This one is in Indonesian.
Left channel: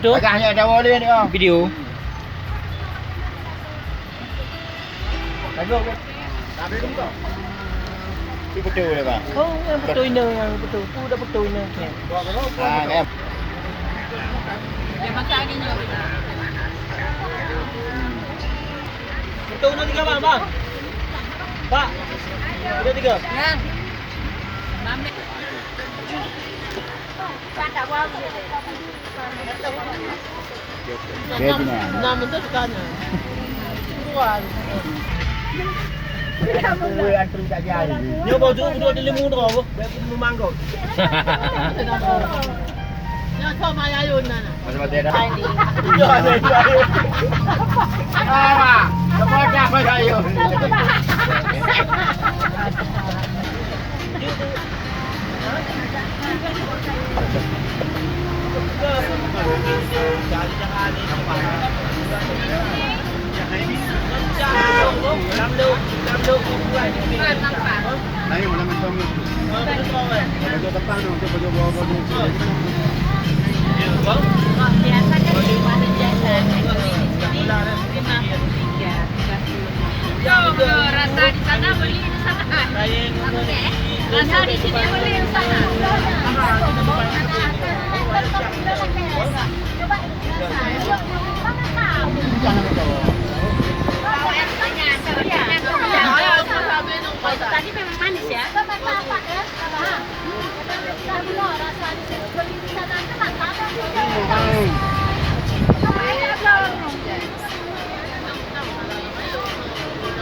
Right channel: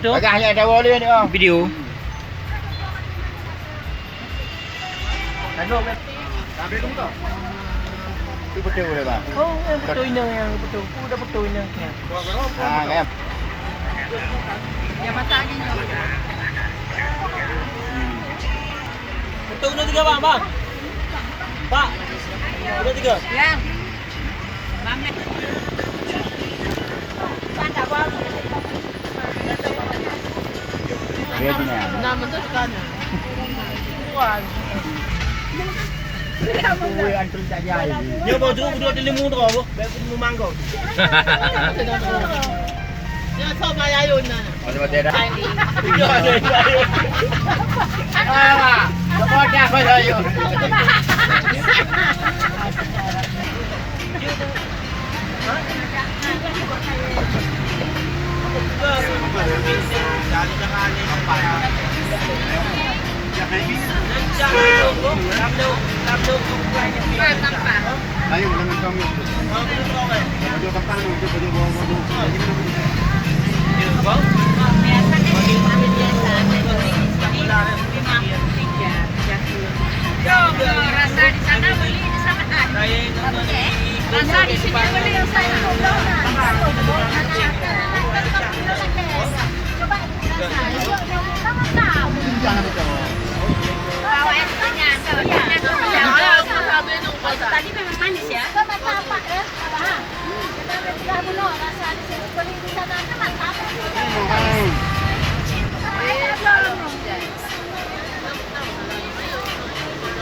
betul. Hanya ada boleh ni oh. Video. Tengok kan. Habis tu tak? Tu betul dah bang. Oh, yang betul ini yang betul. Tu dah betul ini. Ha kan. Dia masak lagi ni. Betul ni 3 bang, bang. Pak. Betul 3. Yang. Mamlek. Pandai buat. Dia ni. Nak betul kan. Kuih antri tak jadi. Nyo bawa tu duduk di lemung tu apa? Lemung mangkok. Ya, sama ayun na. Macam dah. Ah, semua dah pada yo. Ayo, jangan kamu. Baju petang, baju bawa-bawa.